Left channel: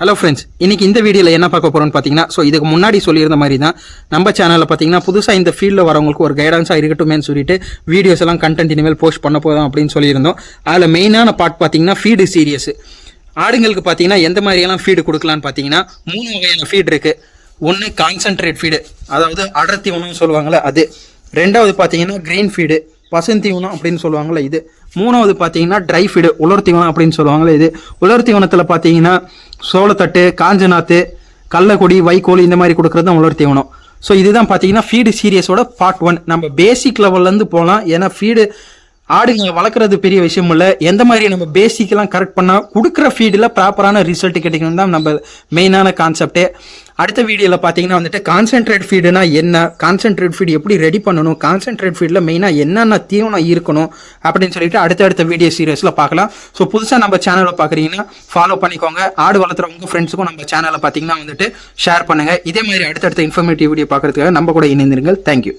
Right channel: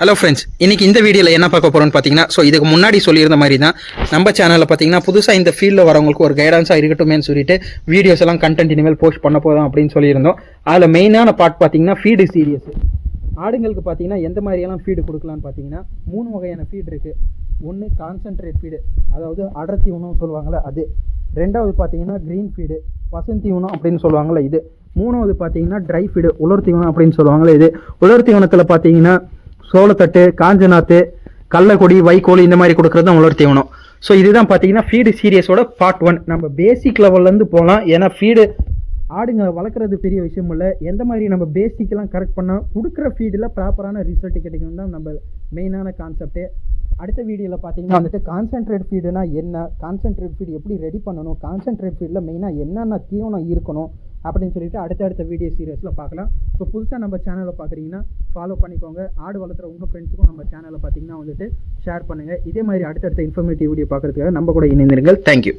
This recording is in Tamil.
ஹலோ ஃப்ரெண்ட்ஸ், இன்றைக்கி இந்த வீடியோவில் என்ன பார்க்க போகிறோம்னு பார்த்தீங்கன்னா, இதுக்கு முன்னாடி சொல்லியிருந்த மாதிரி தான் நம்ம சேனலில் பார்த்தீங்கன்னா புதுசாக இந்த ஃபீல்டில் வரவங்களுக்கு ஒரு கைடன்ஸாக இருக்கட்டுமேனு சொல்லிட்டு வீடியோஸ் எல்லாம் கண்டென்ட் இனிமேல் போஸ்ட் பண்ண போதும் அப்படின்னு சொல்லியிருந்தோம். அதில் மெயினான பார்ட் பார்த்தீங்கன்னா ஃபீடு சீரியஸ். ஆடுங்களுக்கு பார்த்தீங்கன்னா எந்த மாதிரியெல்லாம் ஃபீடு கொடுக்கலான்னு பார்த்தீங்கன்னா 3 வகையான ஃபீடு இருக்குது. ஒன்று கான்சன்ட்ரேட் ஃபீடு, அதாவது அடர்த்தி உணவுன்னு சொல்லுவாங்கள்ல அது. ரெண்டாவது பார்த்தீங்கன்னா க்ரீன் ஃபீடு, பசுந்தீவனம் அப்படின்னு சொல்லுவாங்கள்ல இது. மூணாவது பார்த்தீங்கன்னா ட்ரை ஃபீடு, உலர் தீவனம் அப்படின்னு சொல்லுவாங்களே இது. உலர் தீவனத்தில் பார்த்தீங்கன்னா சோளத்தட்டு, காஞ்சநாத்து, கடலக்கொடி, வைக்கோல் இந்த மாதிரி கொடுக்குறது தான் உலர் தீவனம். ஸோ இதுதான் பார்த்தீங்கன்னா ஃபீடு சீரியஸோட பார்ட் 1. நம்ம பேசிக் லெவல்லேருந்து போகலாம். ஏன்னா ஃபீடு ஆடுங்க வளர்க்குறது பெரிய விஷயம் இல்லை. எந்த மாதிரி நம்ம பேசிக்கெல்லாம் கரெக்ட் பண்ணால் கொடுக்குற ஃபீடில் ப்ராப்பரான ரிசல்ட் கிடைக்கணும் தான் நம்ம மெயினான கான்செப்டே. அடுத்த வீடியோவில் பார்த்தீங்கன்னா வந்துட்டு கான்சென்ட்ரேட் ஃபீடுனா என்ன, கான்சென்ட்ரேட் ஃபீடு எப்படி ரெடி பண்ணணும், கான்சென்ட்ரேட் ஃபீடில் மெயினாக என்னென்ன தீவனம் இருக்கணும் அப்படின்னு சொல்லிட்டு அடுத்தடுத்த வீடியோ சீரியஸில் பார்க்கலாம். ஸோ புதுசாக நம்ம சேனலை பார்க்குறீங்கன்னா ஃபாலோ பண்ணிக்கோங்க. ஆடு வளர்த்துற உங்கள் ஃப்ரெண்ட்ஸுக்கும் நம்ம சேனலை பார்த்தீங்கன்னா வந்துட்டு ஷேர் பண்ணுங்கள். இதே மாதிரி அடுத்தடுத்த இன்ஃபர்மேட்டிவ் வீடியோ பார்க்குறதுக்காக நம்ம கூட இணைந்திருங்கள். தேங்க்யூ.